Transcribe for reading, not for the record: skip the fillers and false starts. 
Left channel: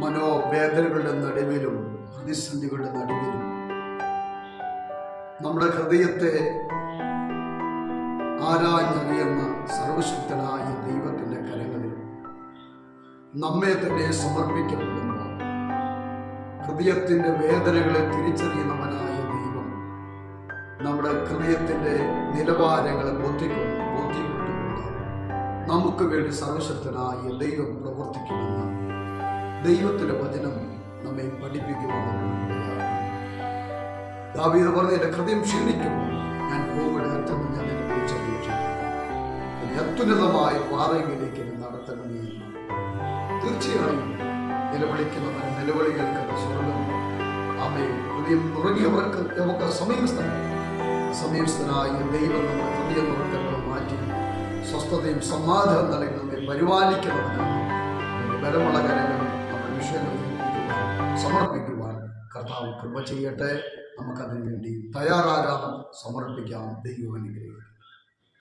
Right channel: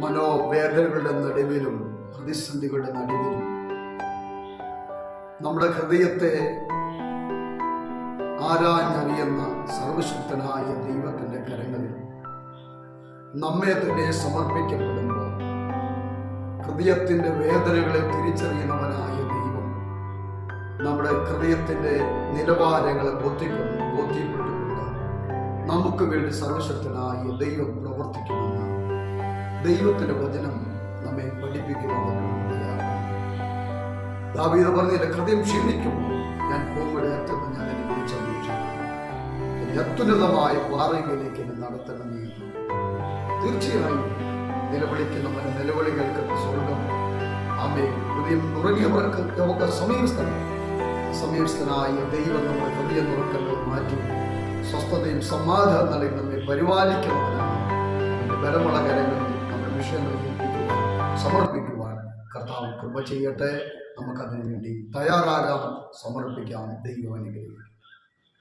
മനോവേദനകളുടെ നടുവിലും പ്രതിസന്ധികളുടെ നടുവിലും നമ്മുടെ ഹൃദയത്തെ ആരാഞ്ഞറിയുന്ന സർവശക്തനായ ദൈവത്തിൻ്റെ കരങ്ങളിൽ നമ്മെ തന്നെ സമർപ്പിക്കപ്പെടുമ്പോൾ ഹൃദയത്തിൻ്റെ വേദനകളെ തിരിച്ചറിയുന്നവനായ ദൈവം നമ്മുടെ ഹൃദയത്തിൻ്റെ നിലവാരങ്ങളെ ബോധ്യപ്പെട്ടുകൊണ്ട് നമുക്ക് വേണ്ടി സർവശക്തനായ ദൈവം പ്രവർത്തിക്കുമെന്ന് ദൈവത്തിൻ്റെ വചനം നമ്മെ പഠിപ്പിക്കുവാനുള്ളതാണ്. ദാവീദ് പറഞ്ഞു, എൻ്റെ ഹൃദയം ക്ഷീണിക്കുമ്പോൾ ഞാൻ പോകുമ്പോൾ അറ്റത്ത് ഞാൻ എന്നെ വിളിച്ചപേക്ഷിക്കും, എന്നെ അത്യുന്നതമായ പാറയിലേക്ക് എന്നെ നടത്തണമേ. തീർച്ചയായും നിലവിളിക്കുന്നവന് നിലവിളി കേൾക്കുന്ന സ്വർഗം ആമേ. ഹൃദയം നുറങ്ങിയവർക്ക് നമുക്ക് സമീപസ്ഥനായ ദൈവം നമ്മുടെ ഹൃദയം നുറക്കുന്നത് മാറ്റി സ്വസ്ഥതയും സമാധാനം നൽകി നമ്മെ പരിപാലിക്കുന്നവനാണ്. അവൻ്റെ ബലമുള്ള കരങ്ങളിൽ നമ്മുടെ വിഷയങ്ങൾ സമർപ്പിക്കുവാൻ കർത്താവ് കൃപ ചെയ്യട്ടെ. നമുക്കതിനു വേണ്ടി തയ്യാറാകാം, സമർപ്പിക്കാം. ദൈവം അനുഗ്രഹിക്കും.